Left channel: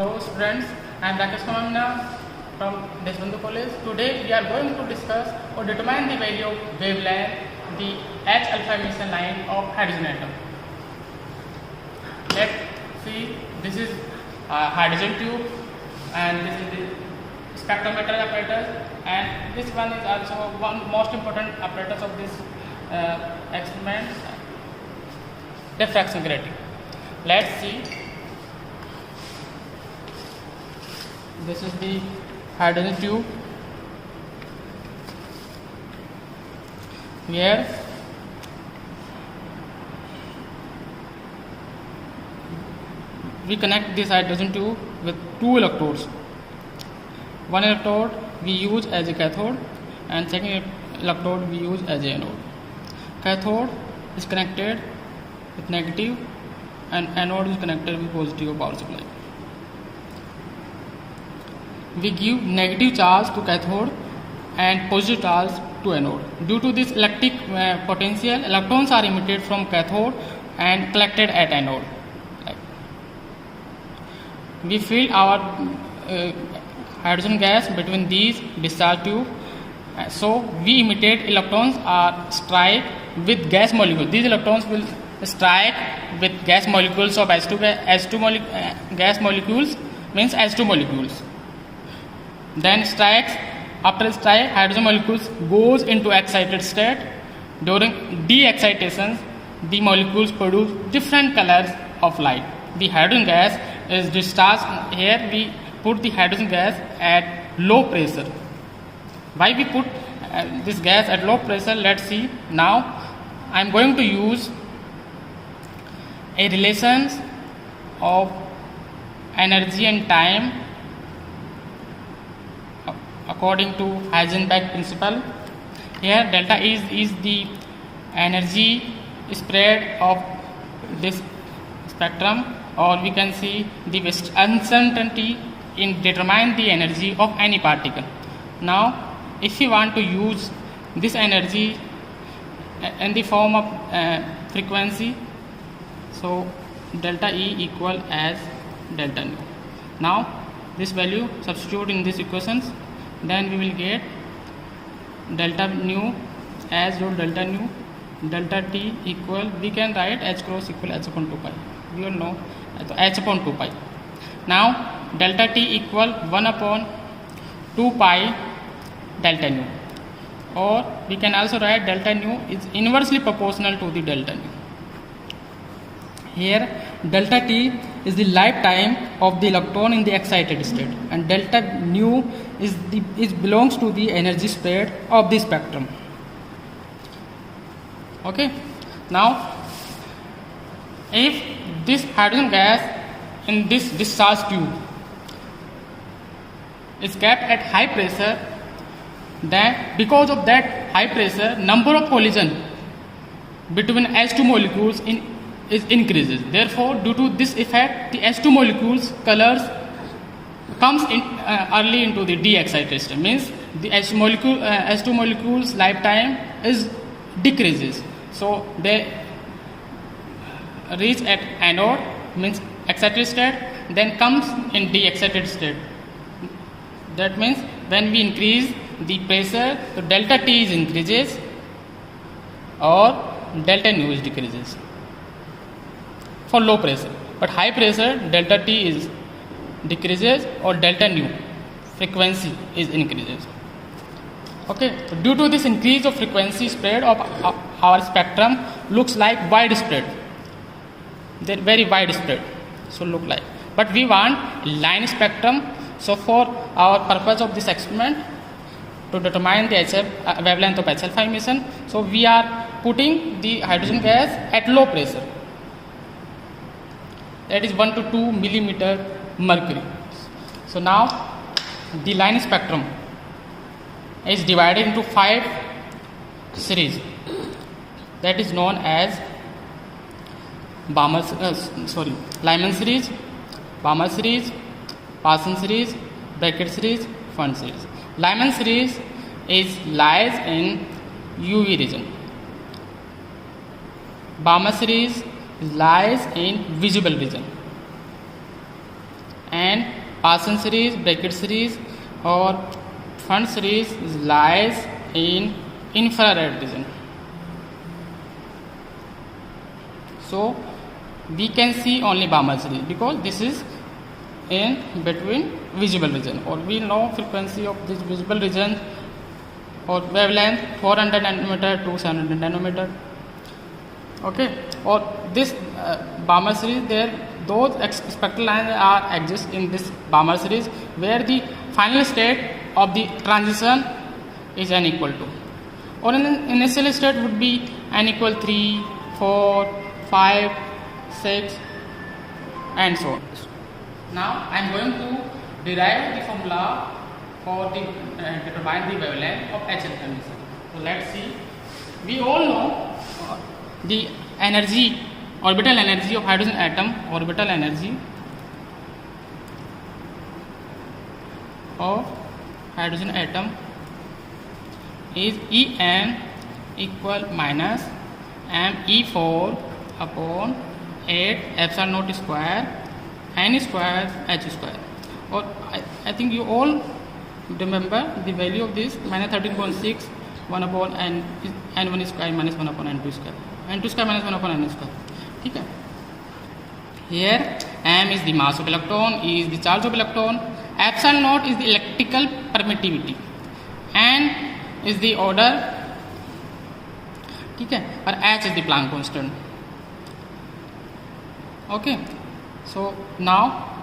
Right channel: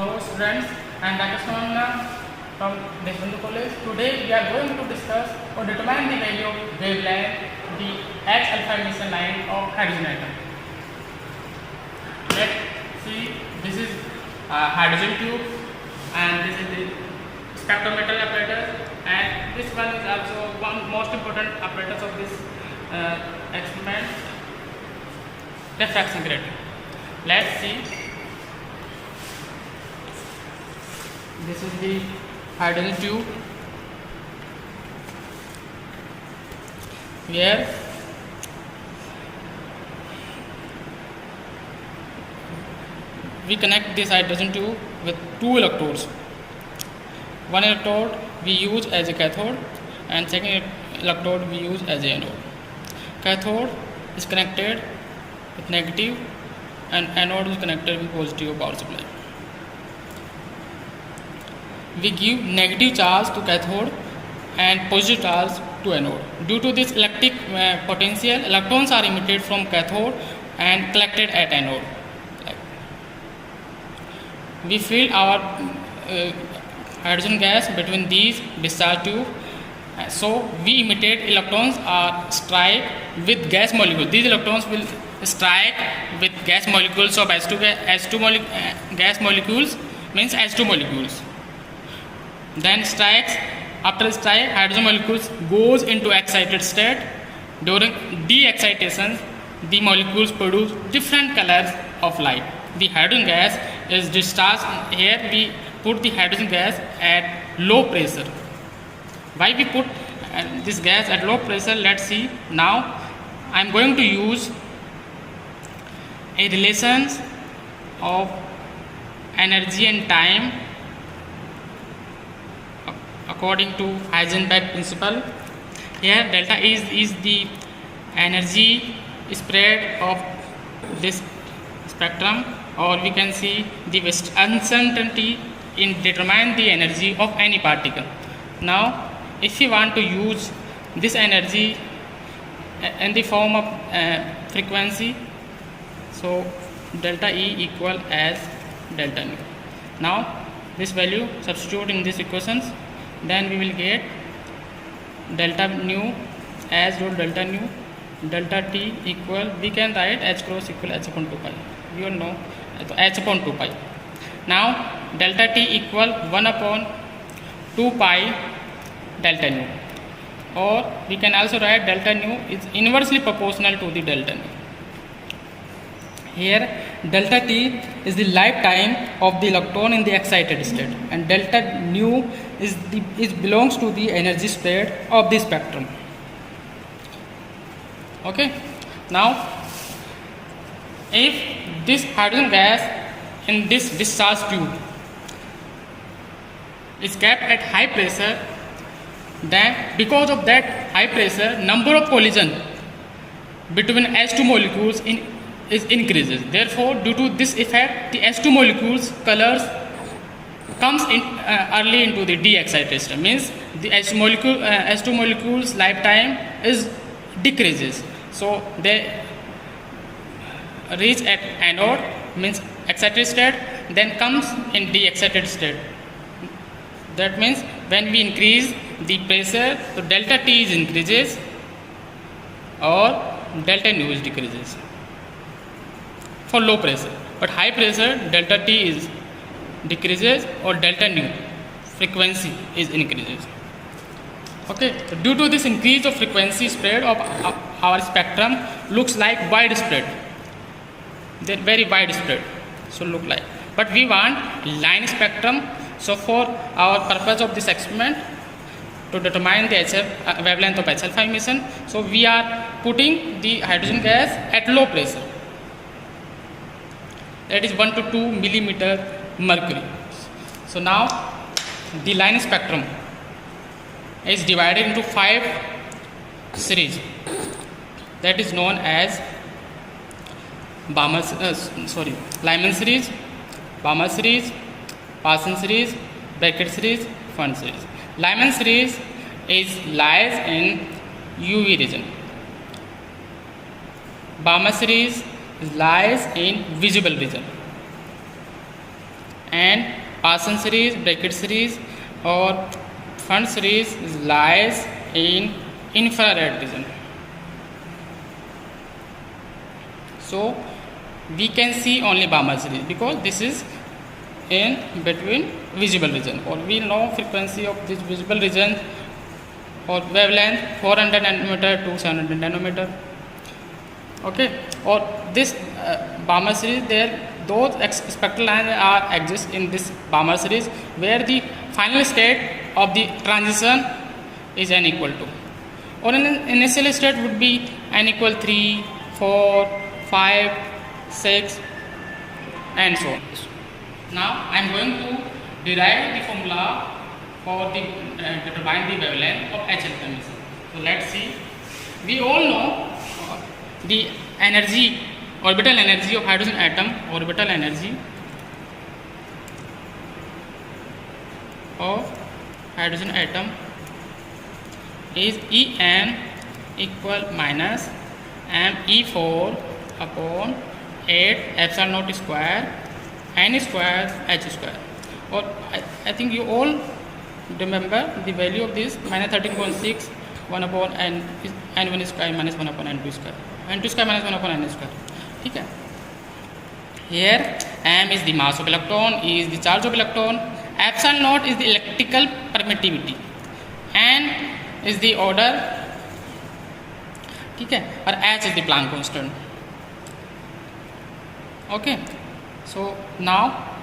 Hello students, I am Rakesh Kamanda from Deshbandhu College. Today we are going to discuss or determine the value of wavelength, the H alpha emission line of hydrogen atom. Let's see, this is a hydrogen tube and this is the spectrometer apparatus, and this one is also one most important apparatus of this experiment, refraction grating. Let's see. This is the hydrogen tube. Here we connect this hydrogen tube with two electrodes. One electrode we use as a cathode and second electrode we use as a anode. Cathode is connected with negative and anode is connected with positive power supply. We give negative charge to cathode and positive charge to anode. Due to this electric potential, electrons are emitted from cathode and collected at anode. We fill our hydrogen gas between these discharge tube. So we emitted electrons are strike with gas molecules. These electrons will strike with gas molecules of gas molecules means H2 molecules. Then strikes, after strike, hydrogen molecules goes into excited state. During de-excitation, the molecules produce different colors of light. The hydrogen gas is discharged. Here we put the hydrogen gas at low pressure. Why we put this gas at low pressure? Let's see. Now I am going to use a relations of energy and time according to Heisenberg principle. Here delta is the energy spread of this spectrum, or we can see the uncertainty in determine the energy of any particle. Now if you want to use this energy in the form of frequency, so delta E equal as delta nu. Now this value substitute in these equations, then we will get delta nu as delta nu, delta T equal, we can write H cross equal H upon 2 pi. We all know H upon 2 pi. Now delta T equal 1 upon 2 pi delta nu, or we can also write delta nu is inversely proportional to the delta nu. Here delta T is the lifetime of the electron in the excited state, and delta nu is belongs to the energy spread of the spectrum. Okay. Now if this hydrogen gas in this discharge tube is kept at high pressure, then because of that high pressure, number of collision between H2 molecules is increases. Therefore, due to this effect, the H2 molecules colors comes in early into the de-excitation. Means the H2 molecules lifetime is decreases. So they reach at anode, means excited state, then comes in de-excited state. That means when we increase the pressure, so delta T is increases or delta nu is decreases for low pressure. But high pressure, delta T is decreases or delta nu frequency is increases. Okay. So due to this increase of frequency spread of our spectrum looks like widespread. They're very widespread. So look like. But we want line spectrum. So for our purpose of this experiment, to determine the wavelength of H alpha emission, so we are putting the hydrogen gas at low pressure. That is 1 to 2 millimeter mercury. So now the line spectrum is divided into 5 series. That is known as Lyman series, Balmer series, Parsons series, Beckett series, Fund series. Lyman series lies in UV region. Balmer series lies in visible region, and Parsons series, bracket series or Fund series lies in infrared region. So we can see only Balmer series because this is in between visible region, or we know frequency of this visible region or wavelength 400 nanometer to 700 nanometer. Okay, or this Balmer series, there those spectral lines are exist in this Balmer series where the final state of the transition is n equal to, or in an initial state would be n equal 3, 4, 5, 6 and so on. Now I am going to derive the formula for the determine the wavelength of HL transition. So let's see. We all know the energy, orbital energy of hydrogen atom, orbital energy of hydrogen atom is En equal minus me4 upon 8 epsilon naught square n square h square, or I think you all remember the value of this minus 13.6 1 upon n1 square minus 1 upon n2 square, n2 square minus 1 upon n square. Okay. Here m is the mass of electron, E is the charge of electron, epsilon naught is the electrical permittivity, n is the order, ठीक है, और h is the Planck constant. Okay, so now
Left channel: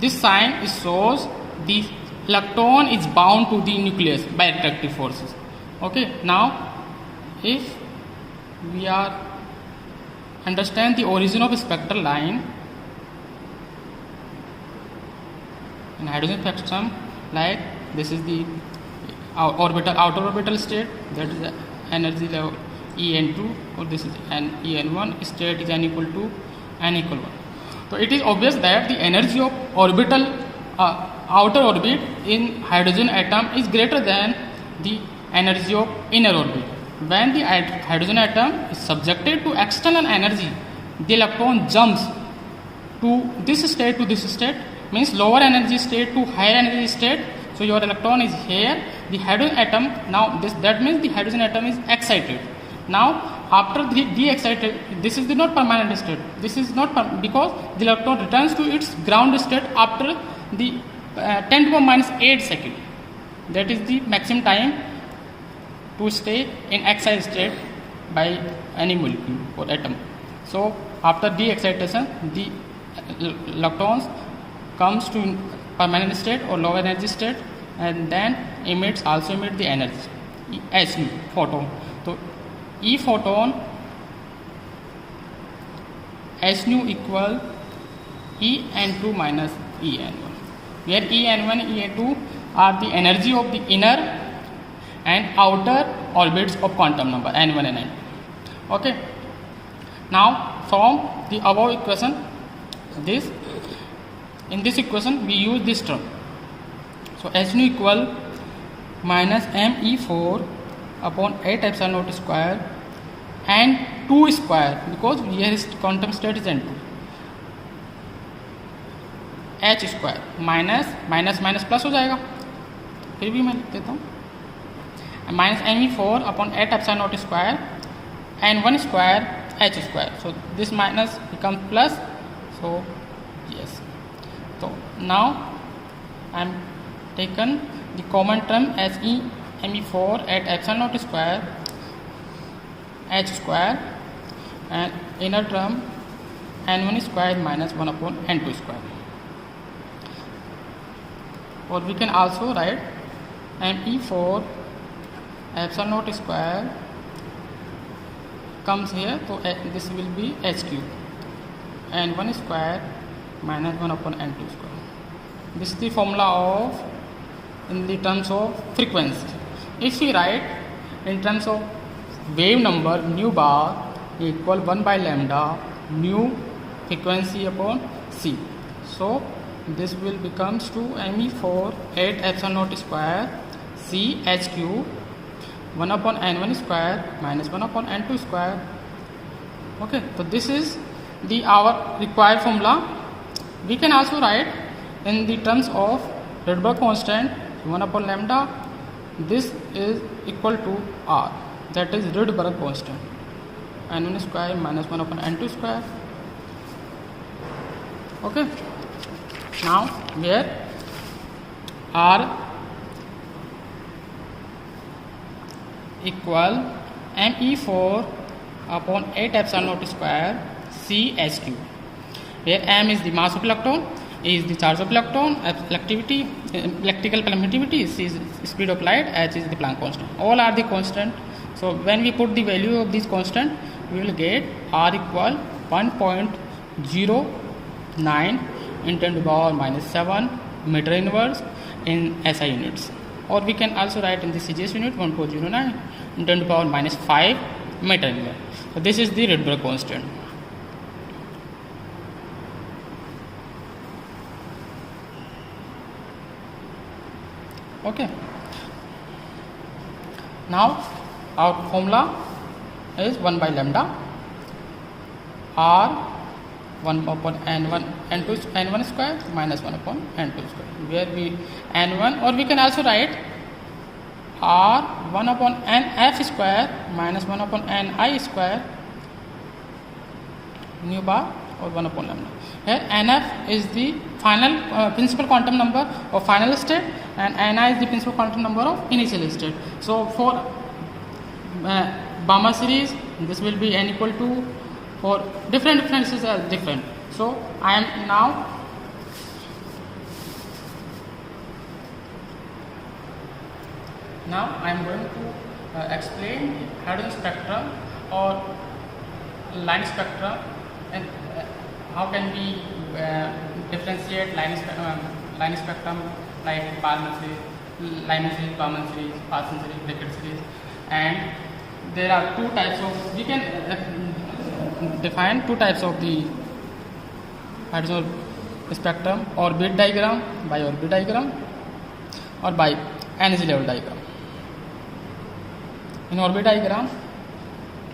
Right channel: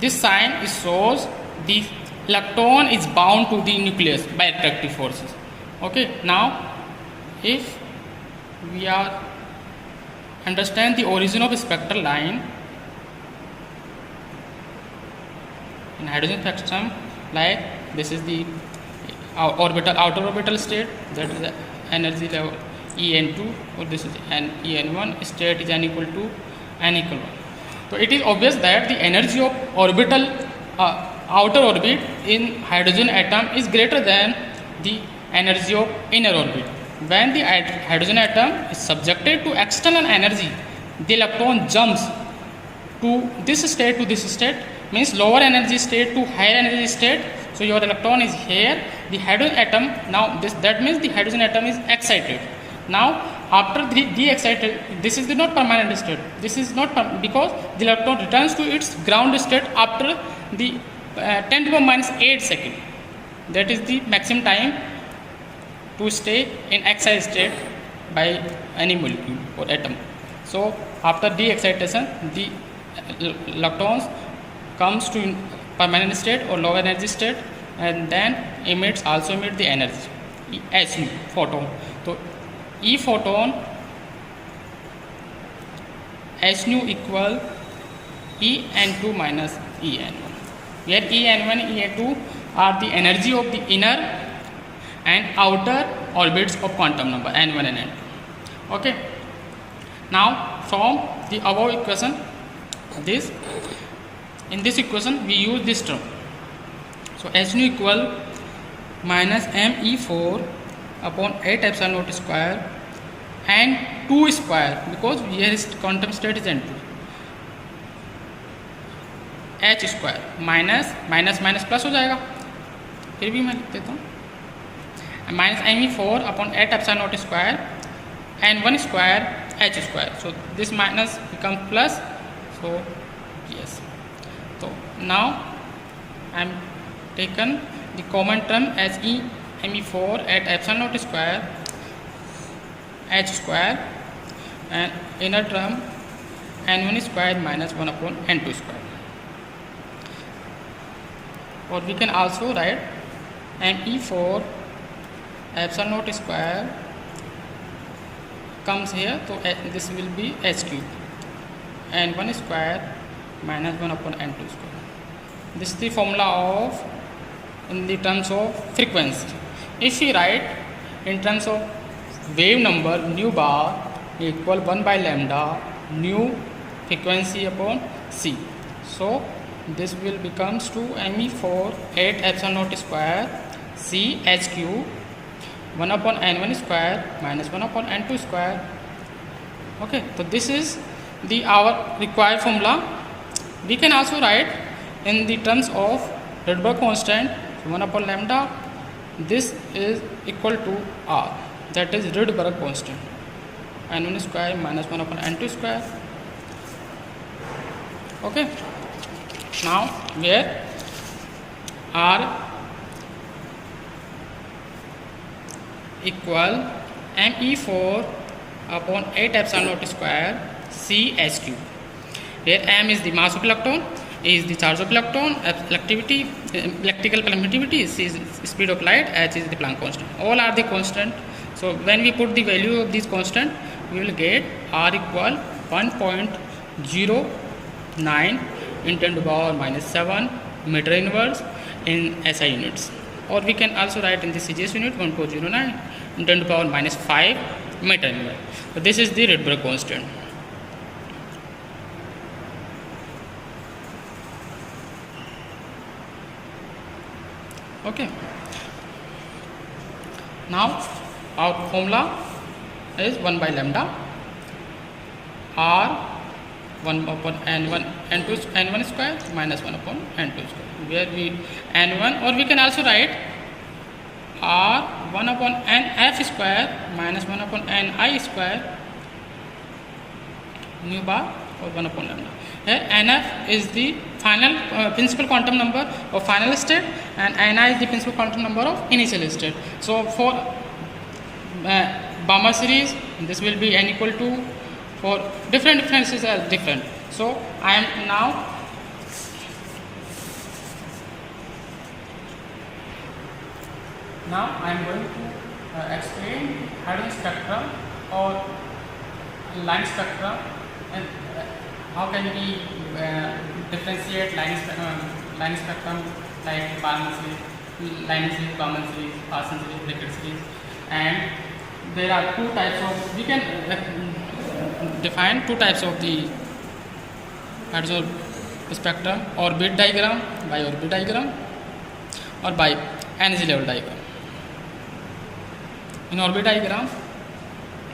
this sign shows the electron is bound to the nucleus by attractive forces. Okay, now if we are understand the origin of a spectral line in hydrogen spectrum, like this is the outer orbital state, that is the energy level En2, or this is En1, state is n equal to n equal 1. So it is obvious that the energy of orbital outer orbit in hydrogen atom is greater than the energy of inner orbit. When the hydrogen atom is subjected to external energy, the electron jumps to this state, means lower energy state to higher energy state. So your electron is here, the hydrogen atom, now that means the hydrogen atom is excited. Now after the excited, this is the not permanent state, this is not because the electron returns to its ground state after the 10 to the minus 8 second. That is the maximum time to stay in excited state by any molecule or atom. So after de-excitation, the electrons comes to permanent state or lower energy state, and then also emit the energy H nu photon. So E photon H nu equal En2 minus En1, where En1 En2 are the energy of the inner and outer orbits of quantum number n1 and n2. Okay, now from the above equation, in this equation we use this term. So H nu equal minus me4 upon 8 epsilon naught square and 2 square, because here is quantum state is n2, h square minus plus हो जाएगा, फिर भी मैं लिख देता हूँ, minus me4 upon 8 epsilon naught square and 1 square h square. So this minus becomes plus. So yes. So now I am taken the common term as me4 at epsilon naught square h square, and inner term n1 square minus 1 upon n2 square. Or we can also write me4 epsilon naught square comes here, so this will be h cube and 1 square minus 1 upon n2 square. This is the formula of in the terms of frequency. If we write in terms of wave number, nu bar equal 1 by lambda nu frequency upon c. So this will becomes to me4 8 epsilon naught square c h cube 1 upon n1 square minus 1 upon n2 square. Okay, so this is the our required formula We can also write in the terms of Rydberg constant 1 upon lambda. This is equal to R, that is Rydberg constant, n1 square minus 1 upon n2 square. Okay. Now where R equal me4 upon 8 epsilon naught square C h cube, where m is the mass of electron, A is the charge of electron, electricity, electrical permittivity, C is speed of light, h is the Planck constant. All are the constant. So when we put the value of this constant, we will get R equal 1.09 in 10 to the power minus 7 meter inverse in SI units, or we can also write in the CGS unit 1.09 in 10 to the power minus 5 meter inverse. So this is the Rydberg constant. Okay. Now our formula is 1 by lambda R 1 upon n1 n2 n1 square minus 1 upon n2 square, where we n1, or we can also write R 1 upon nf square minus 1 upon ni square nu bar, or 1 upon lambda. Here nf is the final principal quantum number of final state, and ni is the principal quantum number of initial state. So for Balmer series, this will be n equal to, for different differences are different. So I am now I am going to explain Hadron spectrum or line spectrum, and how can we differentiate line spectrum like Balmer series, Lyman series, Balmer series, Parsons series, Rickert series, and there are two types of, we can define two types of the Hadron spectrum: orbit diagram, by orbit diagram, or by energy level diagram. In orbit diagram,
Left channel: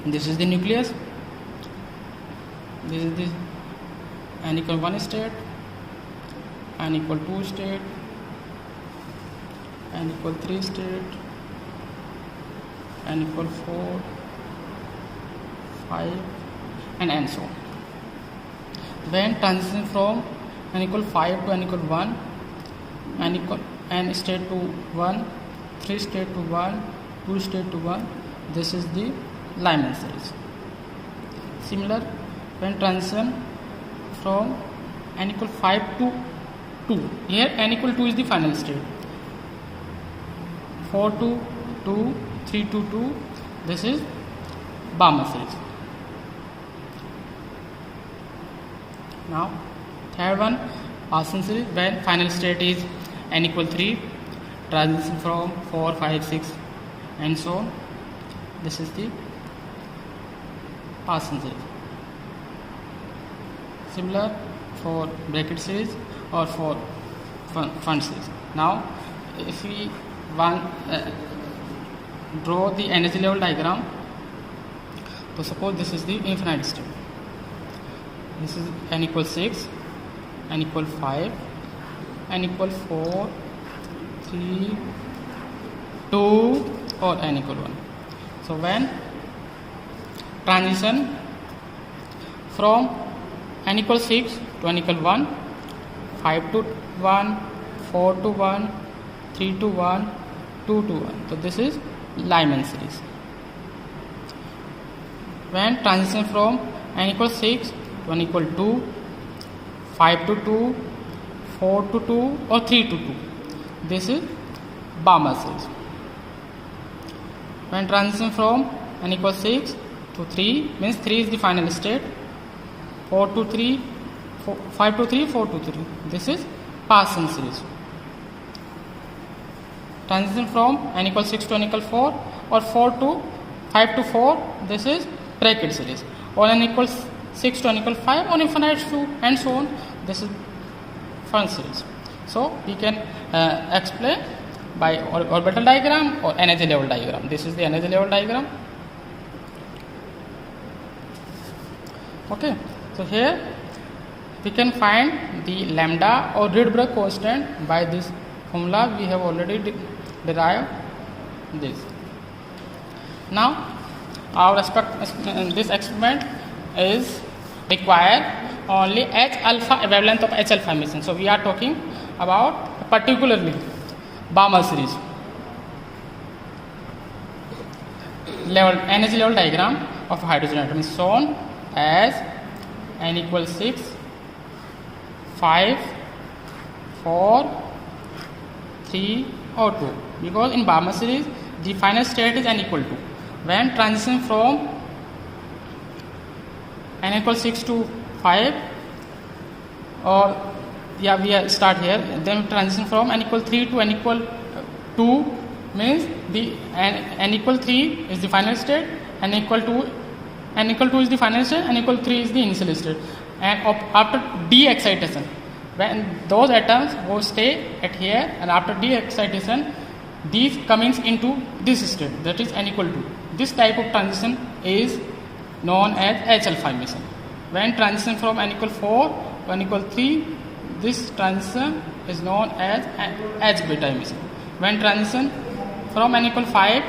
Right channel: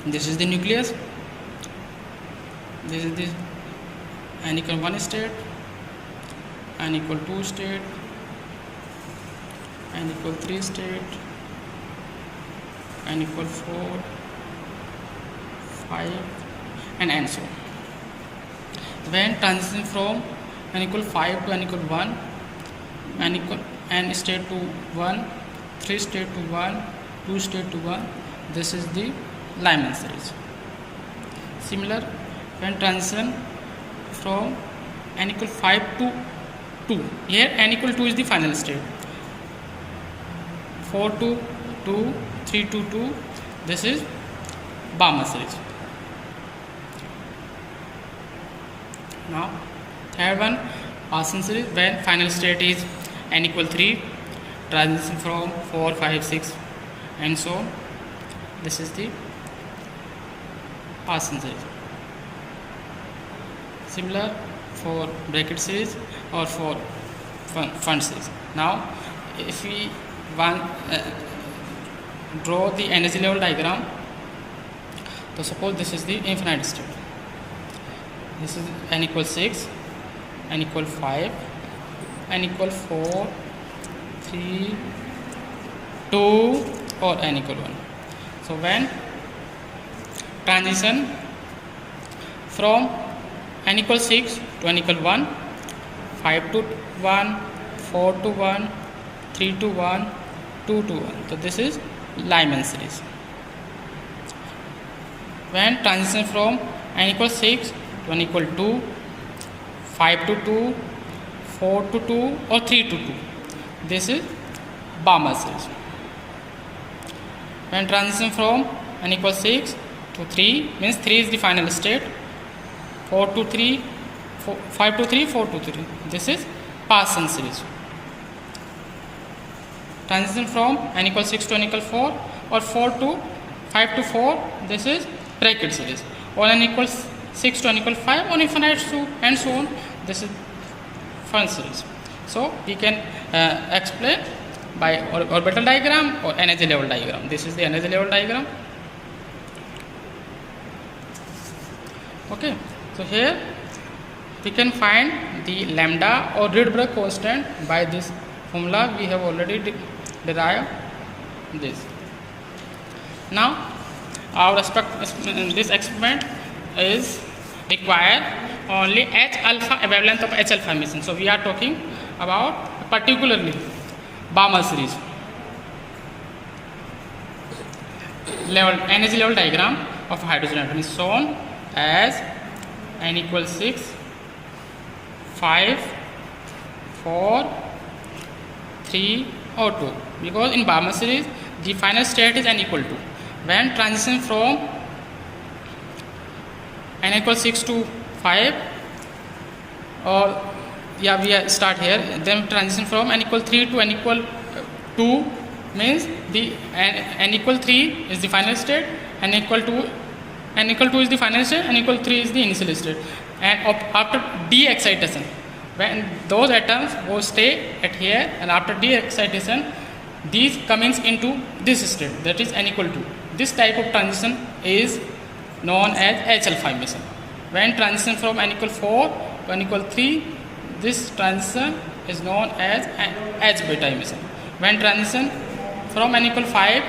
this is the nucleus, this is this n equal 1 state, n equal 2 state, n equal 3 state, n equal 4, 5, and so on. When transition from n equal 5 to n equal 1, n state to 1, 3 state to 1, 2 state to 1, this is the Lyman series. Similar, when transition from n equal 5 to 2, here n equal 2 is the final state, 4 to 2, 3 to 2, this is Balmer series. Now third one, Parsons series, when final state is n equal 3, transition from 4, 5, 6 and so on, this is the Parsons series. Similar for Brackett series or for Fund series. Now if we want draw the energy level diagram, so suppose this is the infinite state, this is n equal 6, n equal 5, n equal 4, 3, 2, or n equal 1. So when transition from n equal 6 to n equal 1, 5 to 1, 4 to 1, 3 to 1, 2 to 1, so this is Lyman series. When transition from n equal 6 to n equal 2, 5 to 2, 4 to 2, or 3 to 2, this is Balmer series. When transition from n equal 6 to 3, means 3 is the final state, 4 to 3, 5 to 3, 4 to 3, this is Parsons series. Transition from n equal 6 to n equal 4, or 4 to 5 to 4, this is Brackett series, or n equals 6 to n equal 5, or infinite to and so on, this is Fund series. So we can explain by orbital diagram or energy level diagram. This is the energy level diagram. Okay, so here we can find the lambda or Rydberg constant by this formula. We have already derived this. Now our this experiment is require only H alpha wavelength of H alpha emission. So we are talking about particularly Balmer series. Energy level diagram of hydrogen atom is shown as n equals 6, 5, 4, 3 or 2, because in Balmer series the final state is n equal to. When transition from n equals 6 to 5, or yeah, we start here, then transition from n equal 3 to n equal 2 means the n equal 3 is the final state, n equal 2 is the final state, n equal 3 is the initial state. And after de-excitation, when those atoms will stay at here, and after de-excitation these comes into this state, that is n equal 2. This type of transition is known as H alpha emission. When transition from n equal 4 to n equal 3, this transition is known as H beta emission. When transition from n equal 5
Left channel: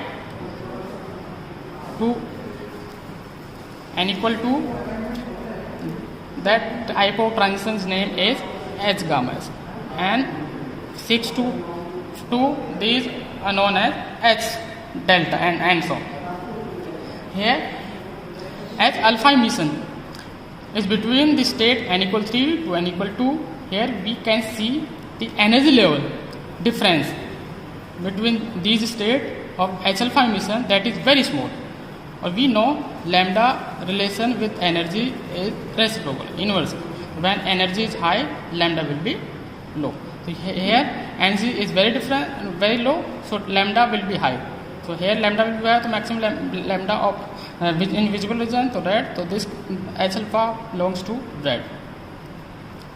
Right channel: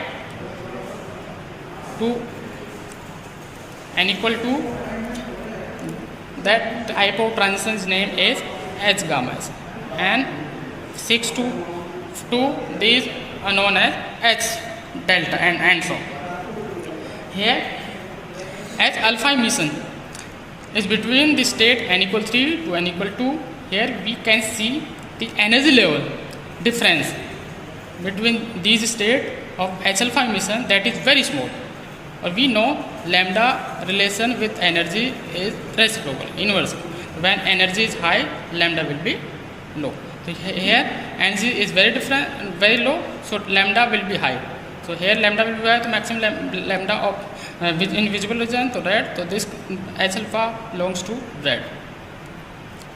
to n equal 2, that type of transition's name is H gamma emission. And 6 to 2, these are known as H delta and so on. Here H alpha emission is between the state n equal 3 to n equal 2. Here we can see the energy level difference between these states of H alpha emission, that is very small. Or we know lambda relation with energy is reciprocal, inverse. When energy is high, lambda will be low. So here energy is very different, very low, so lambda will be high. So here lambda will be high, the maximum lambda of invisible region to red. So this H alpha belongs to red.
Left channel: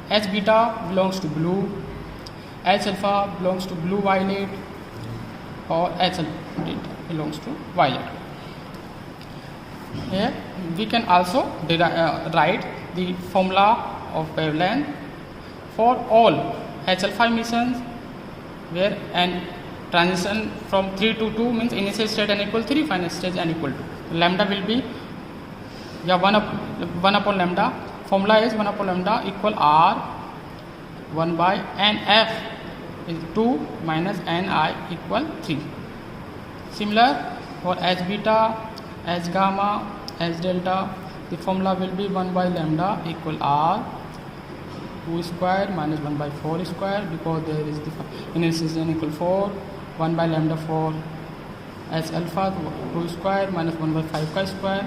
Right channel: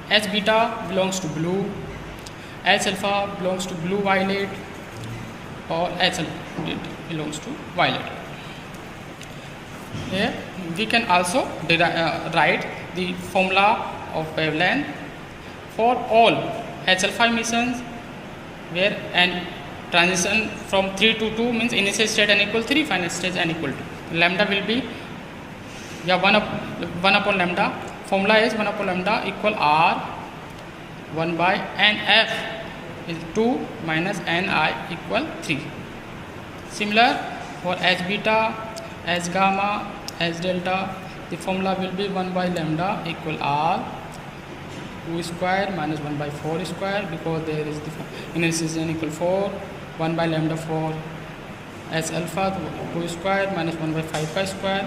H beta belongs to blue. H alpha belongs to blue violet, or H alpha belongs to violet. Here we can also write the formula of wavelength for all H alpha emissions, where n transition from 3 to 2 means initial state n equal 3, final state n equal 2. Lambda will be 1 upon lambda. Formula is 1 upon lambda equal R 1 by NF is 2 minus Ni equal 3. Similar for H beta, H gamma, H delta, the formula will be 1 by lambda equal R 2 square minus 1 by 4 square, because there is the initial state n equal 4, 1 by lambda for H alpha 2 square minus 1 by 5 square.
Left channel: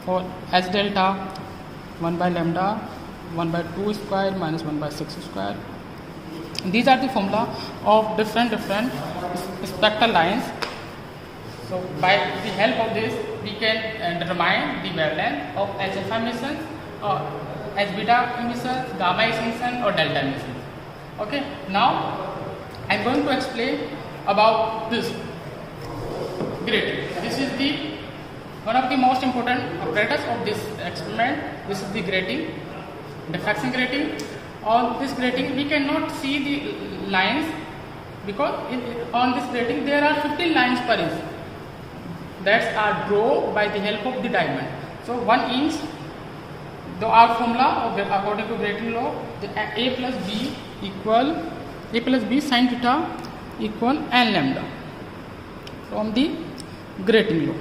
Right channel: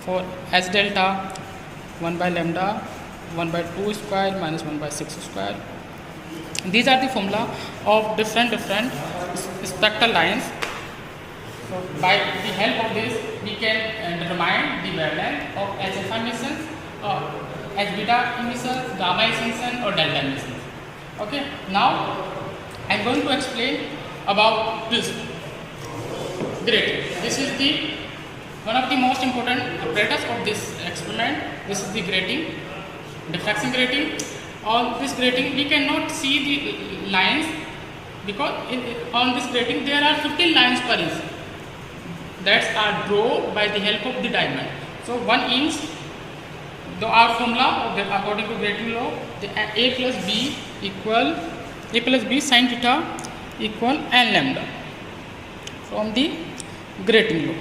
For H delta, 1 by lambda 1 by 2 square minus 1 by 6 square. These are the formula of different spectral lines. So by the help of this we can determine the wavelength of H alpha emissions, or H beta emissions, gamma emission, or delta emissions. Okay, now I am going to explain about this grating. This is the one of the most important apparatus of this experiment. This is the grating, diffraction grating. On this grating we cannot see the lines, because on this grating there are 15 lines per inch that are drawn by the help of the diamond. So 1 inch, our formula according to grating law, the A plus B sin theta equal n lambda from the grating law.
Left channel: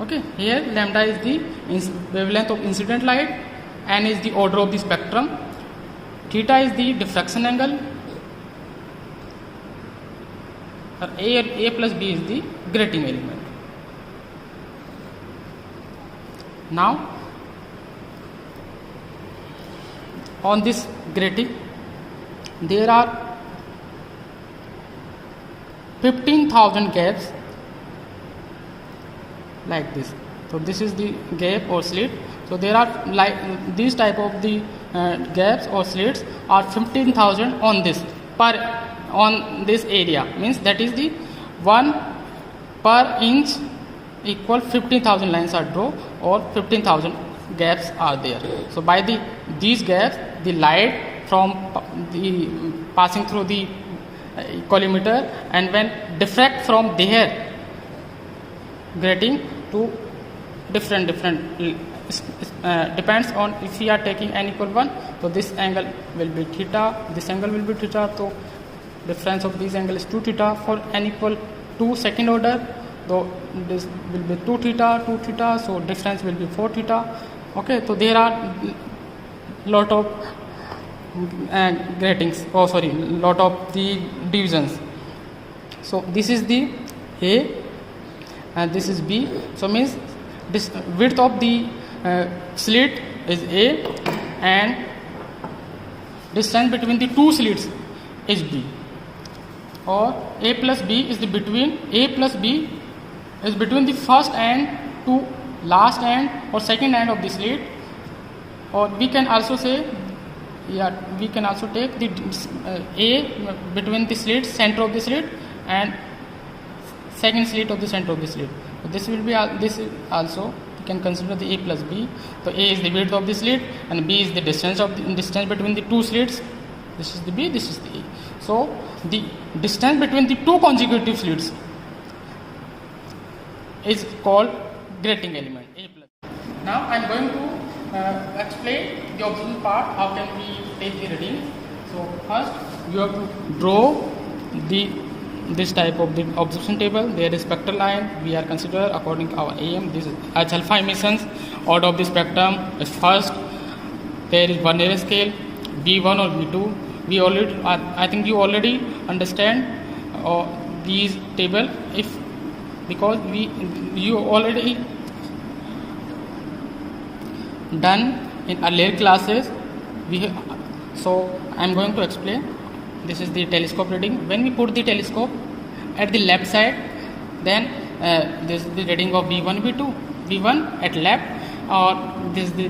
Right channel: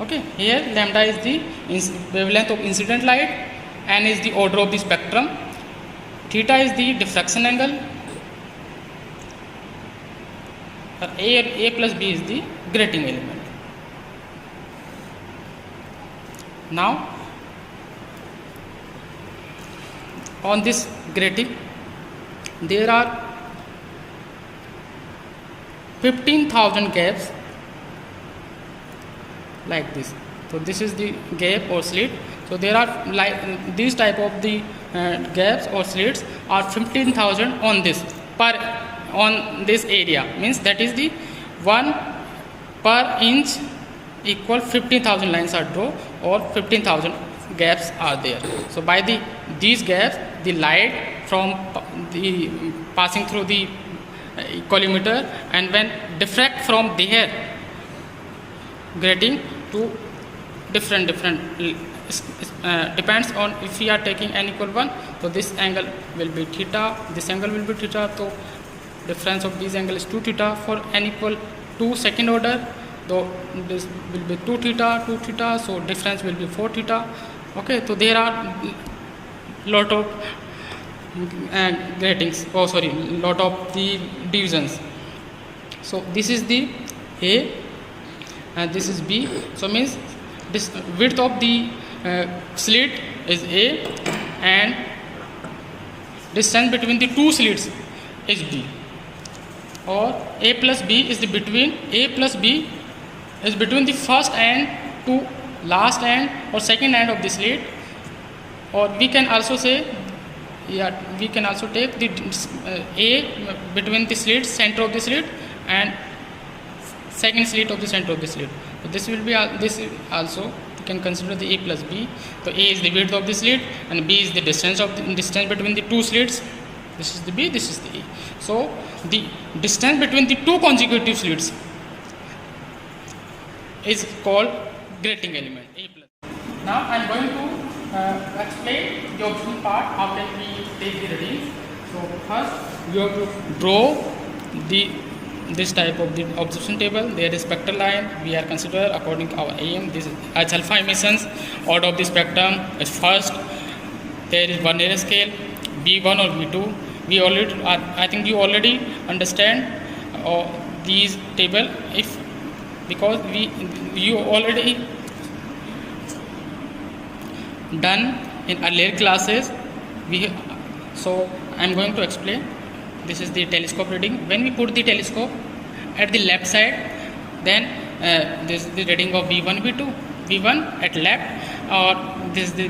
Okay, here lambda is the wavelength of incident light, n is the order of the spectrum, theta is the diffraction angle, A plus B is the grating element. Now on this grating there are 15,000 gaps like this. So this is the gap or slit. So there are like these type of the gaps or slits are 15,000 on this on this area, means that is the 1 per inch equal 15,000 lines are drawn, or 15,000 gaps are there. So by these gaps, the light from the passing through the collimator, and when diffract from there grating to different depends on if we are taking n equal 1, so this angle will be theta, this angle will be theta, so difference of these angles is 2 theta. For n equal 2 second order, though this will be 2 theta, so difference will be 4 theta. Okay, so there are lot of gratings, lot of the divisions. So this is the A and this is B, so means this width of the slit is A and distance between the two slits is B, or A plus B is between the first end to last end or second end of the slit, or we can also say, we can also take the A between the slit, center of the slit, and second slit of the center of the slit. So this will be this is also you can consider the A plus B. So A is the width of the slit and B is the distance between the two slits. This is the B, this is the A. So the distance between the two consecutive slits is called grating element A plus. Now I am going to explain the observation part. How can we take the readings? So first you have to draw this type of the observation table. There is spectral line. We are consider according to our aim. This is H alpha emissions. Order of the spectrum is first. There is Vernier scale B1 or B2. We already, I think you already understand these table because you already done in earlier classes. So I am going to explain. This is the telescope reading. When we put the telescope at the left side, then this is the reading of V1, V2. V1 at left, or this is the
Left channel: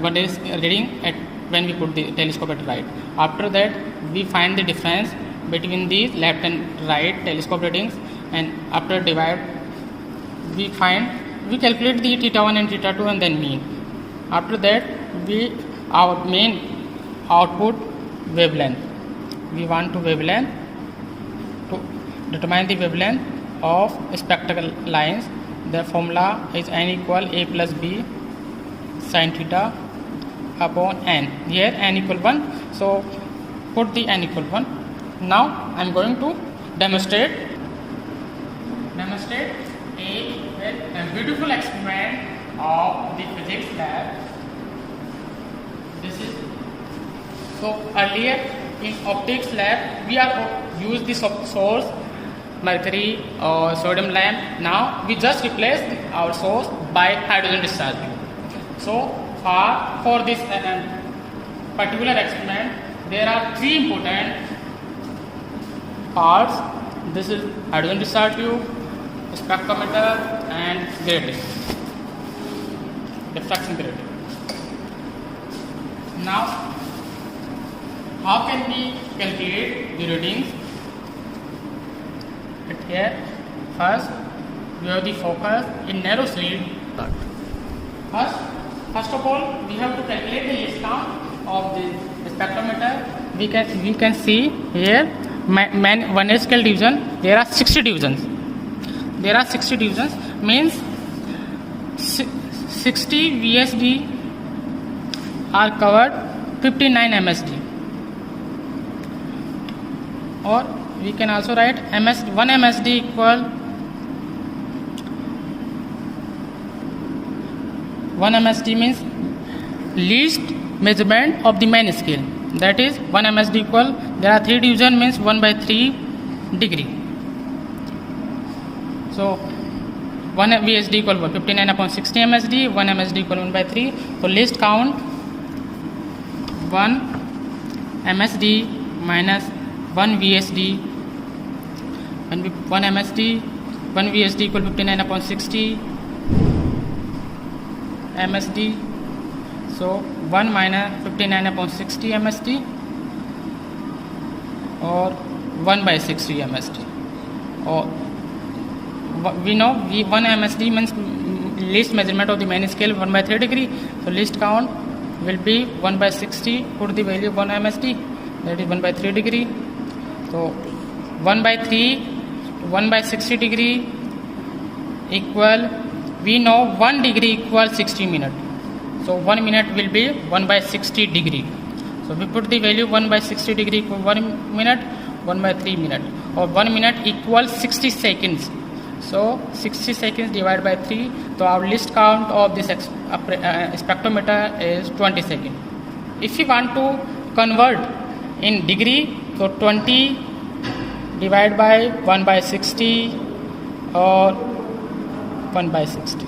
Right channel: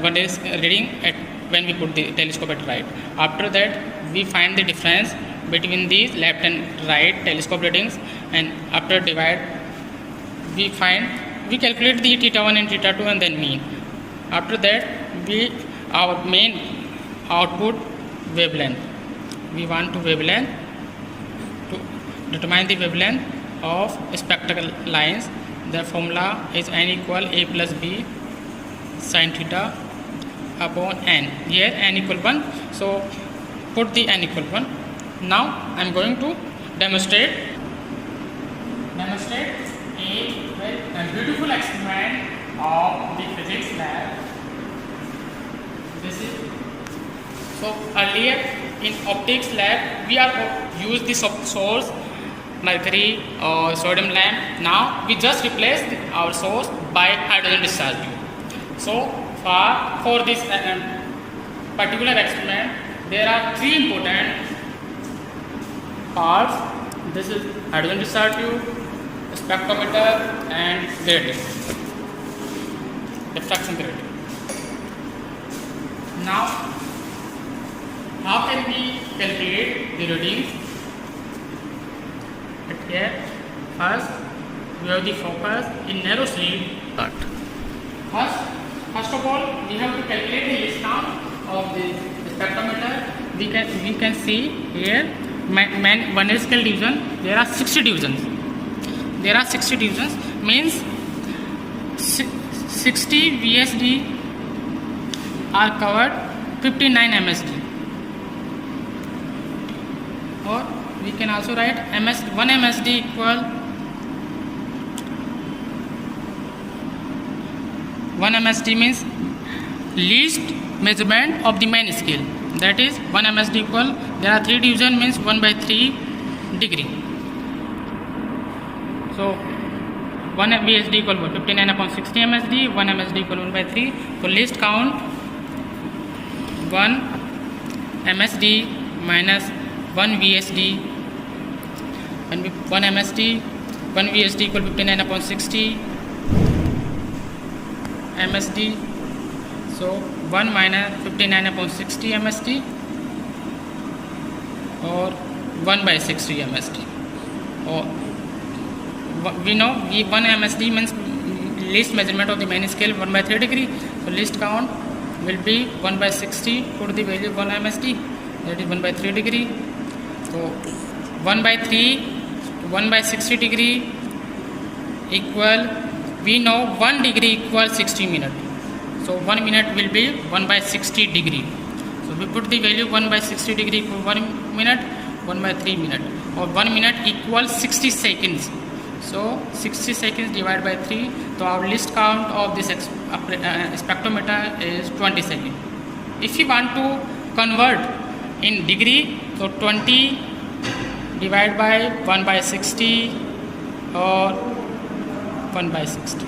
Vernier reading at when we put the telescope at right. After that, we find the difference between the left and right telescope readings, and after divide, we calculate the theta 1 and theta 2 and then mean. After that, our main output wavelength. We want to wavelength to determine the wavelength of spectral lines. The formula is n equal A plus B sin theta upon n. Here n equal 1, so put the n equal 1. Now I am going to demonstrate a beautiful experiment of the physics lab. This is so earlier in optics lab we are use the source mercury or sodium lamp. Now we just replace our source by hydrogen discharge tube. So for this particular experiment there are three important parts. This is hydrogen discharge tube, spectrometer and grating, diffraction grating. Now how can we calculate the reading? Here, first we have the focus in narrow slit. First of all, we have to calculate the least count of the spectrometer. We can see here Vernier scale division. There are 60 divisions. Means 60 VSD are covered 59 MSD. Or we can also write 1 MSD equal 1 MSD means least measurement of the main scale. That is 1 MSD equal, there are 3 division means 1 by 3 degree. So 1 VSD equal 59 upon 60 MSD, 1 MSD equal 1 by 3. So least count 1 MSD minus 1 VSD, and 1 MSD, 1 VSD equal 59 upon 60 MSD. So 1 minus 59 upon 60 MSD, or 1 by 60 MSD. Or we know 1 MSD means least measurement of the main scale 1 by 3 degree. So least count will be 1 by 60, put the value 1 MSD, that is 1 by 3 degree. So 1 by 3, 1 by 60 degree equal, we know 1 degree equals 60 minutes. So 1 minute will be 1 by 60 degree. So we put the value 1 by 60 degree equal 1 minute, 1 by 3 minute, or 1 minute equals 60 seconds. So 60 seconds divided by 3. So our least count of this spectrometer is 20 seconds. If you want to convert in degree, so 20 divided by 1 by 60 or 1 by 60,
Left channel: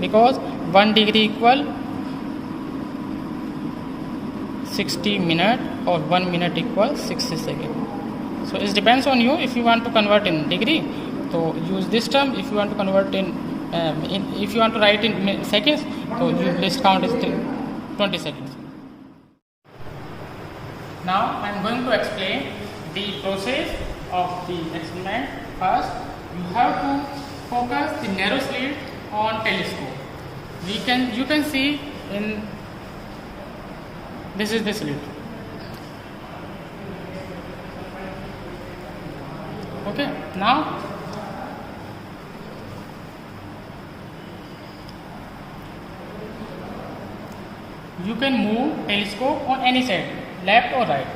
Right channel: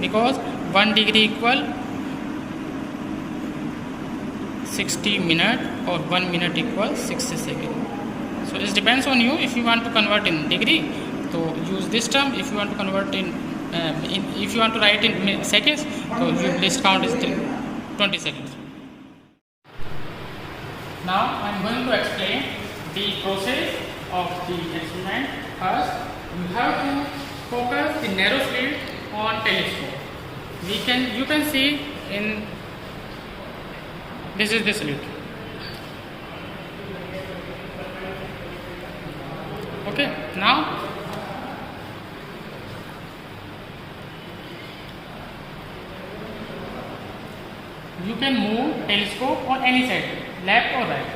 because 1 degree equal 60 minutes or 1 minute equals 60 seconds. So it depends on you. If you want to convert in degree, so use this term. If you want to convert if you want to write in seconds, so your least count is 20 seconds. Now I am going to explain the process of the experiment. First, you have to focus the narrow slit on telescope. You can see in this is the slit. Okay, now you can move telescope on any side, left or right.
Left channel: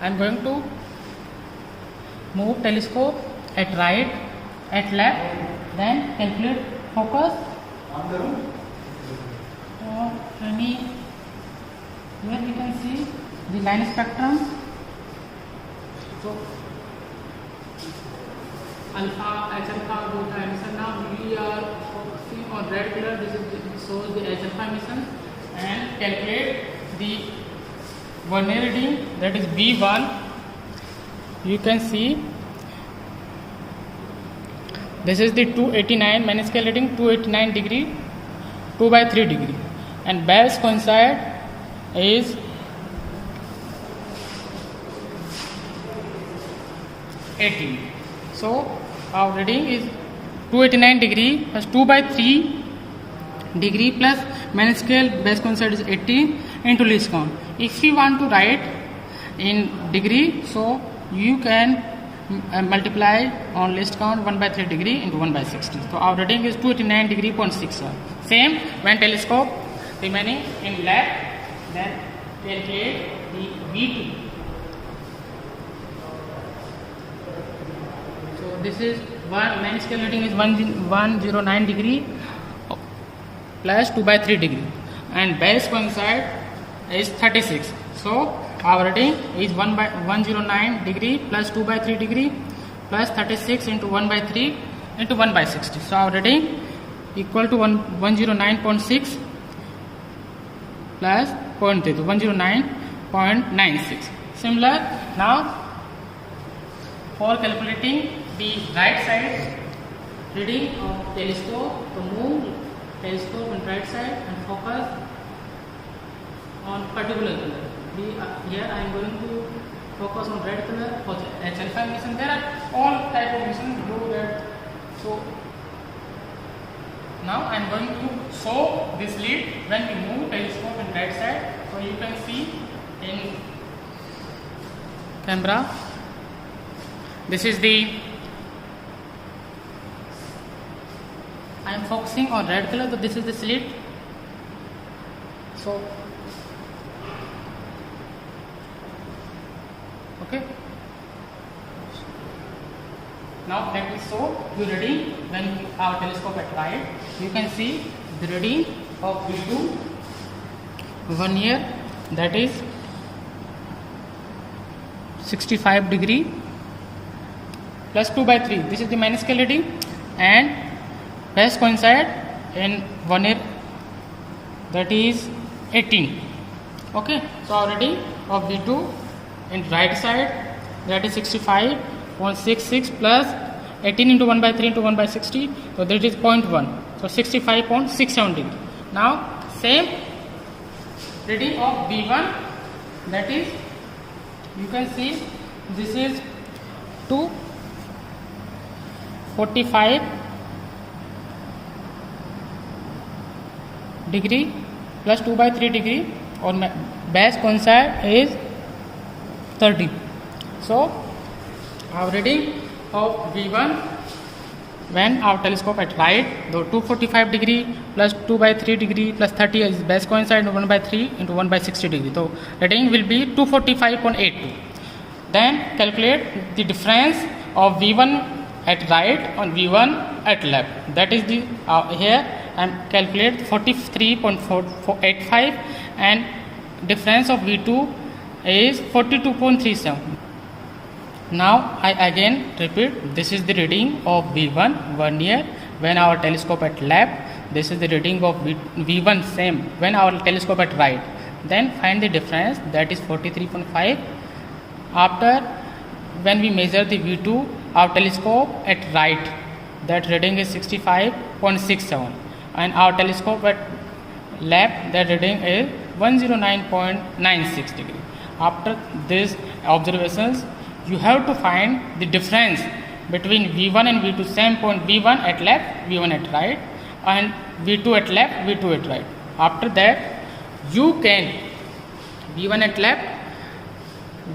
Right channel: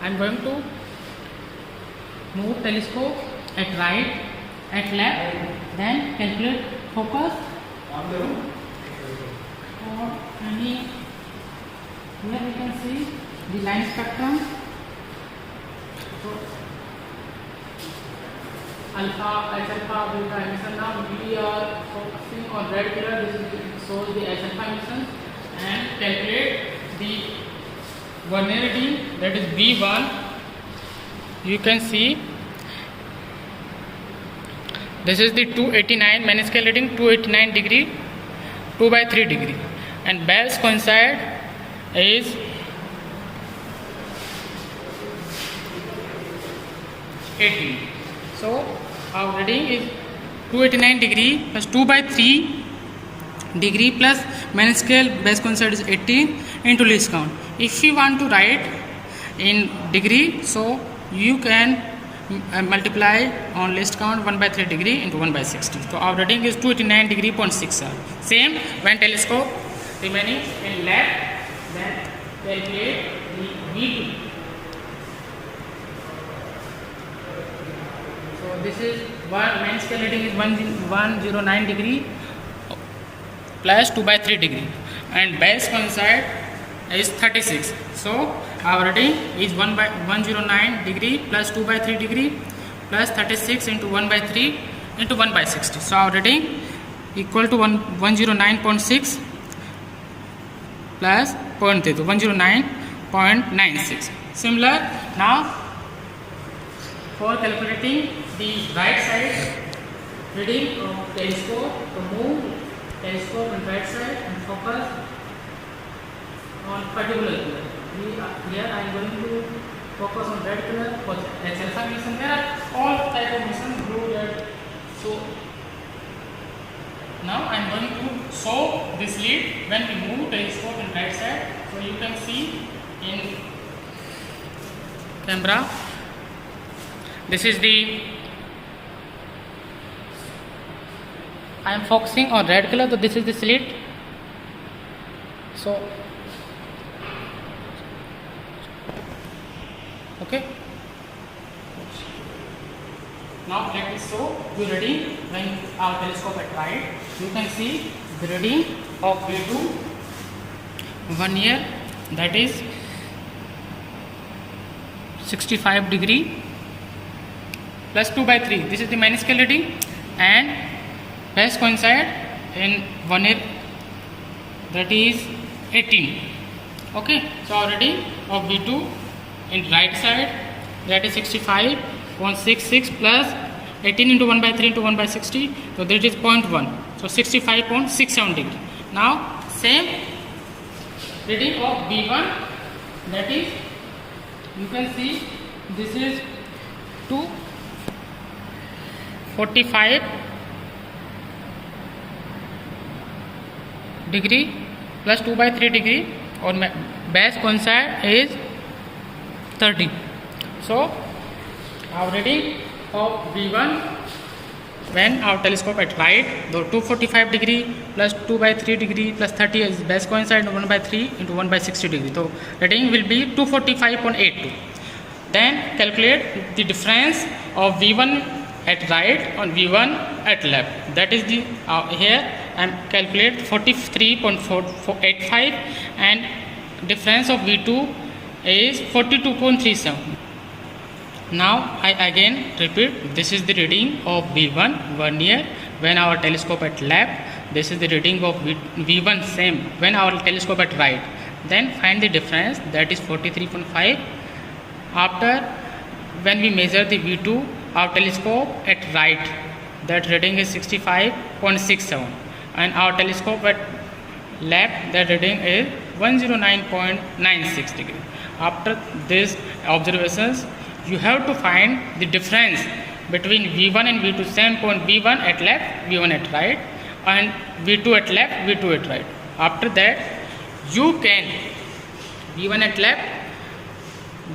I am going to move telescope at right, at left, then calculate focus or any. Here we can see the line spectrum. So alpha, H alpha, beta emission. Now we are focusing on red color. This shows the H alpha emission, and calculate the vernier reading, that is B1. You can see this is the 289 main scale reading, 289 degree, 2 by 3 degree, and Bell's coincide is 18. So our reading is 289 degree plus 2 by 3 degree plus main scale base coincide is 18 into least count. If you want to write in degree, so you can multiply on least count 1 by 3 degree into 1 by 60. So our reading is 289 degree 0.6. Same when telescope remaining in left, then calculate the V2. So this is main scale reading is 109 degree plus 2 by 3 degree, and base coincide is 36. So our reading is 109 degree plus 2 by 3 degree plus 36 into 1 by 3 into 1 by 60. So our reading equal to 109.6 plus 0.3, so 109.96. Similar, now for calculating the right side reading of telescope, to move telescope on right side and focus on particular color. Here I am going to focus on red color for H alpha emission. There are all type of emission, blue, red. So now I am going to show this lead when we move telescope on right side. So you can see in camera. This is the, I am focusing on red color, so this is the slit. So okay, now let me show the reading when our telescope at right. You can see the reading of V2 vernier, that is 65 degree plus 2 by 3. This is the main scale reading, and base coincide in vernier, that is 18. Okay, so our reading of V2 in right side, that is 65.66 plus 18 into 1 by 3 into 1 by 60, so that is 0.1, so 65.67 degree. Now same reading of V1, that is, you can see this is 245 degree plus 2 by 3 degree, or base coincide is 30. So our reading of V1 when our telescope at right, the 245 degree plus 2 by 3 degree plus 30 is base coincide 1 by 3 into 1 by 60 degree. So reading will be 245.82. Then calculate the difference of V1 at right and V1 at left. That is the here I am calculate 43.485 and difference of V2 is 42.37. Now I again repeat, this is the reading of V1 vernier when our telescope at left. This is the reading of V1 same when our telescope at right. Then find the difference, that is 43.5. After when we measure the V2, our telescope at right, that reading is 65.67, and our telescope at left, that reading is 109.96 degree. After these observations, you have to find the difference between V1 and V2, same point, V1 at left, V1 at right, and V2 at left, V2 at right. After that, you can V1 at left,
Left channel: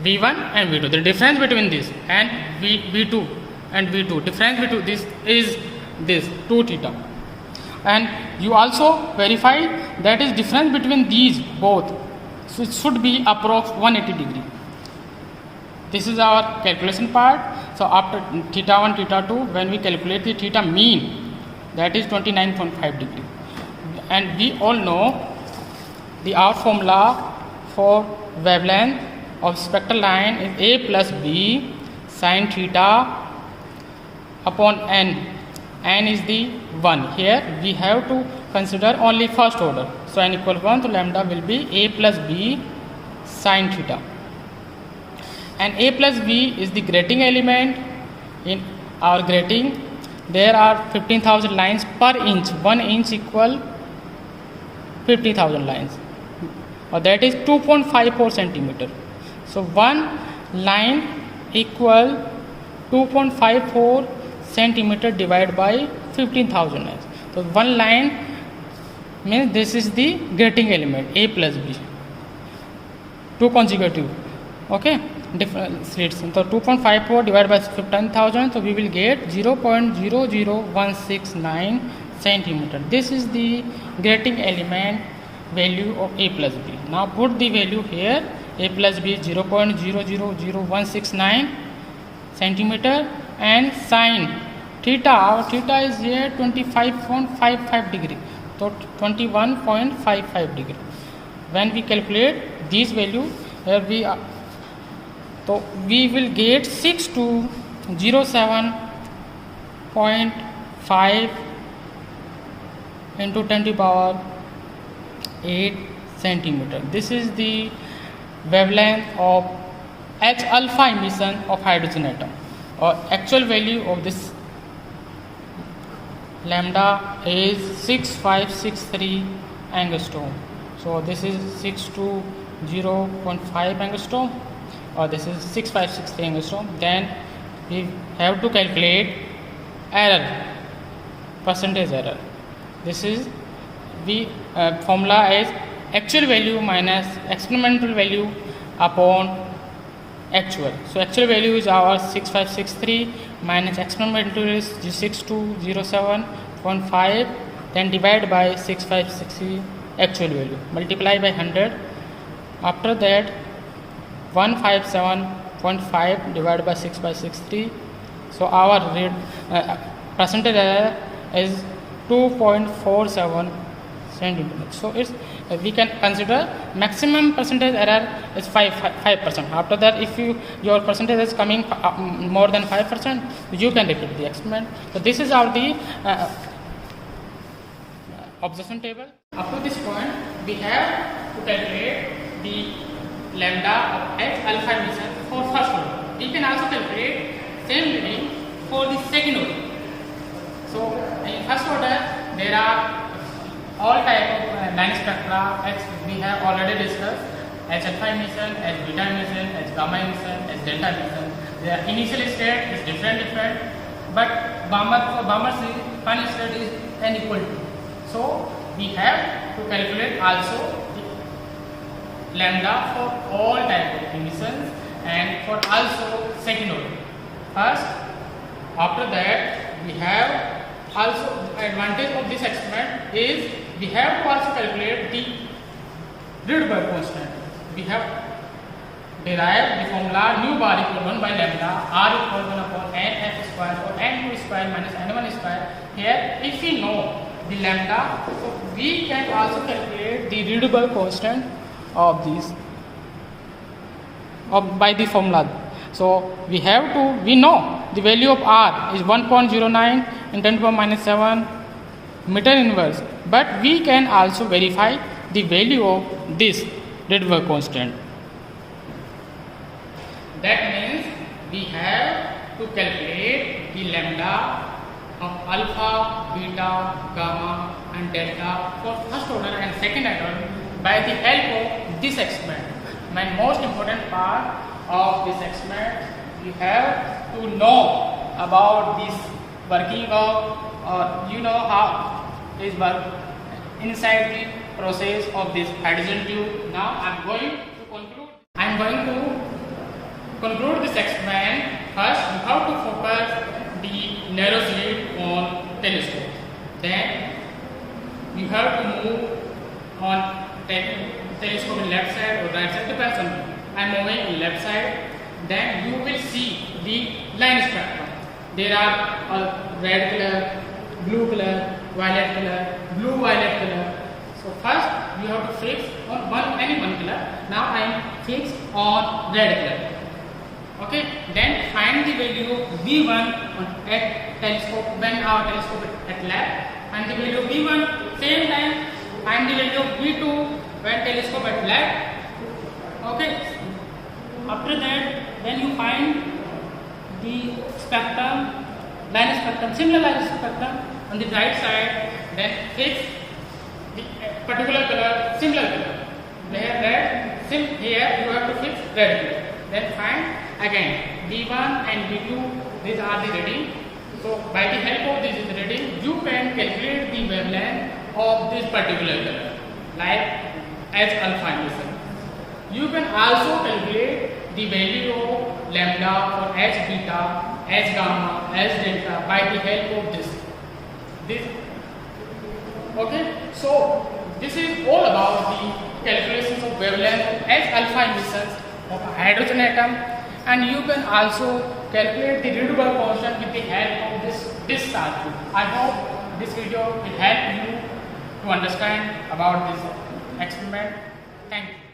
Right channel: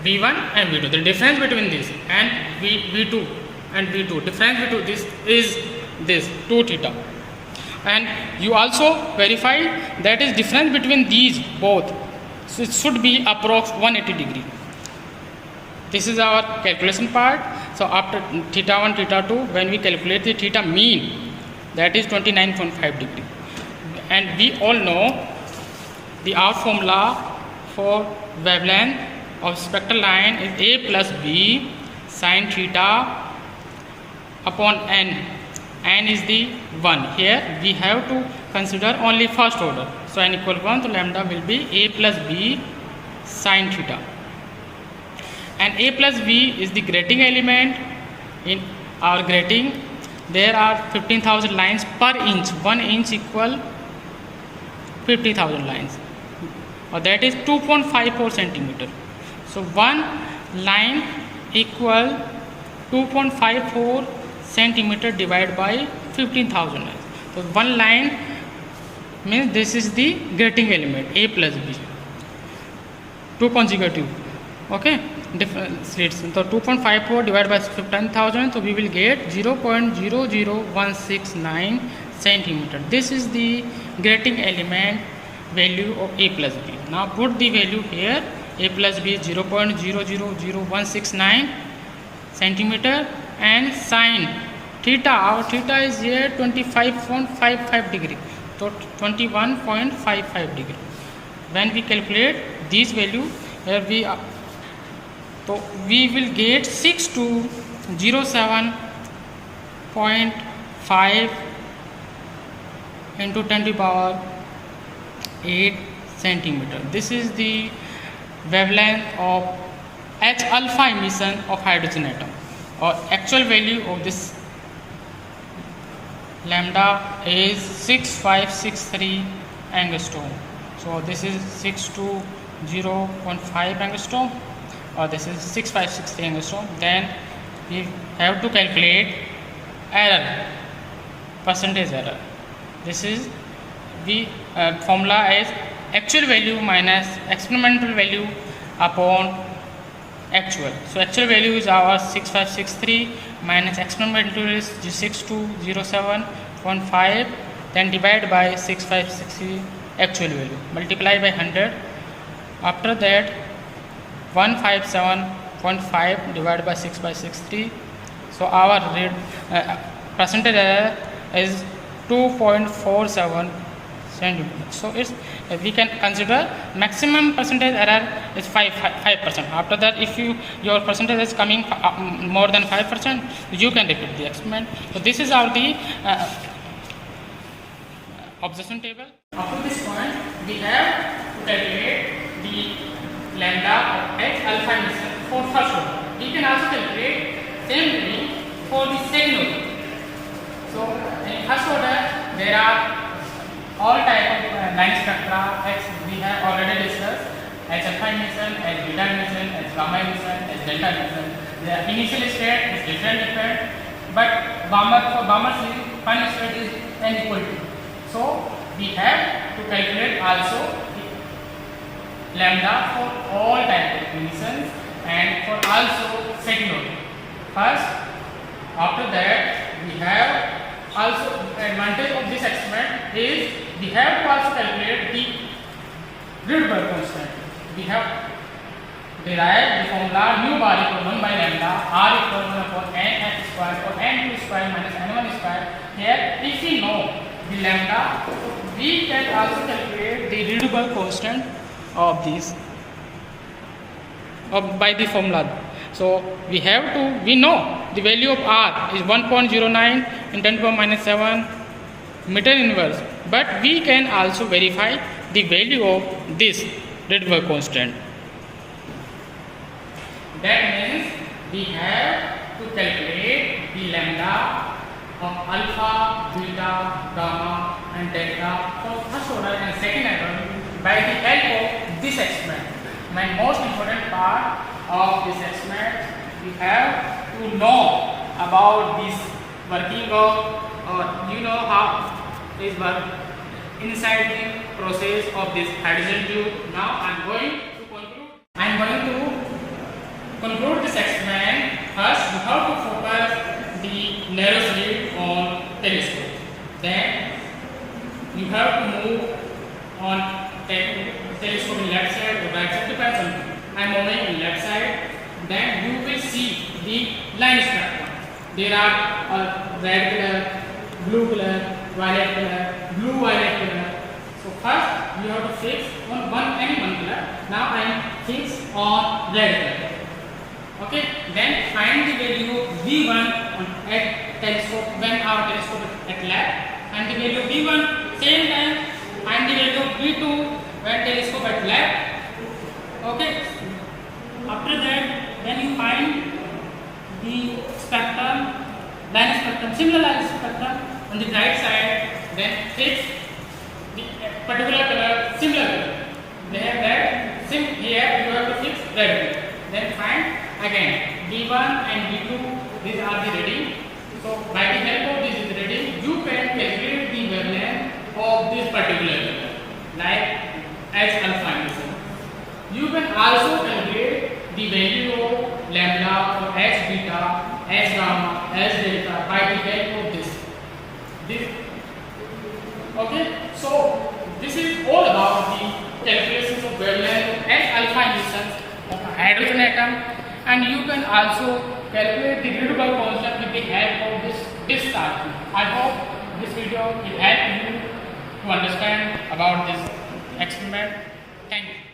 V1 and V2, the difference between this and V2 and V2, difference between this is this 2 theta, and you also verify that is difference between these both, so it should be approx 180 degree. This is our calculation part. So after theta 1, theta 2, when we calculate the theta mean, that is 29.5 degree, and we all know our formula for wavelength of spectral line is A plus B sin theta upon n. N is the 1. Here we have to consider only first order. So n equal 1, so lambda will be A plus B sin theta. And A plus B is the grating element. In our grating, there are 15,000 lines per inch. 1 inch equal 50,000 lines, or that is 2.54 centimeter. So one line equal 2.54 centimeter divided by 15,000 lines. So one line means this is the grating element A plus B. 2 consecutive. Okay, different slits. So 2.54 divided by 15,000. So we will get 0.00169 centimeter. This is the grating element value of A plus B. Now put the value here. A plus B is 0.000169 centimeter, and sin theta, our theta is here 25.55 degree, so 21.55 degree. When we calculate this value, here we will get 6207.5 into 10 to the power 8 centimeter. This is the wavelength of H alpha emission of hydrogen atom, or actual value of this lambda is 6563 angstrom. So this is 620.5 angstrom, or this is 6563 angstrom. Then we have to calculate error, percentage error. This is the formula is actual value minus experimental value upon actual. So actual value is our 6563 minus experimental is 6207.5, then divide by 6560 actual value, multiply by 100. After that 157.5 divided by 6563. So our percentage error is 2.47 centimeters. So it's we can consider maximum percentage error is 5%. After that, if your percentage is coming more than 5%, you can repeat the experiment. So this is our the observation table. Up to this point, we have to calculate the lambda of H alpha emission for first order. We can also calculate same way for the second order. So in first order, there are all type of line spectra. X we have already discussed: H alpha emission, H beta emission, H gamma emission, H delta emission. Their initial state is different, but for Balmer final state is n equal to. So we have to calculate also lambda for all type of emissions and for also second order. First, after that we have also advantage of this experiment is we have to also calculate the Rydberg constant. We have derived the formula nu bar equal 1 by lambda r equal 1 upon n f square or n2 square minus n1 square. Here, if we know the lambda, so we can also calculate the Rydberg constant of these by the formula. So we know the value of r is 1.09 in 10 to the power minus 7 meter inverse, but we can also verify the value of this Rydberg constant. That means we have to calculate the lambda of alpha, beta, gamma and delta for first order and second order by the help of this experiment. And most important part of this experiment, we have to know about this working of you know how this work inside the process of this hydrogen tube. Now I am going to conclude this experiment. First, you have to focus the narrow slit on telescope. Then you have to move on telescope in left side or right side, depends on you. I am moving on left side. Then you will see the line spectrum. There are red color, blue color, violet color, blue violet color. So first you have to fix on any one color. Now I am fixed on red color. Okay. Then find the value V1 at telescope when our telescope at left, and the value of V1 same time find the value of V2 when telescope at left. Okay. After that, when you find the spectrum, line spectrum, similar line spectrum on the right side, then fix the particular color, similar color. They have red, here you have to fix red color. Then find again V1 and V2, these are the reading. So by the help of this reading, you can calculate the wavelength of this particular color, like H alpha emission. You can also calculate the value of lambda or H beta, H gamma, H delta by the help of this. Okay, so this is all about the calculations of wavelength of H alpha emissions of hydrogen atom, and you can also calculate the Rydberg constant with the help of this discharge tube. I hope this video will help you to understand about this experiment. Thank you.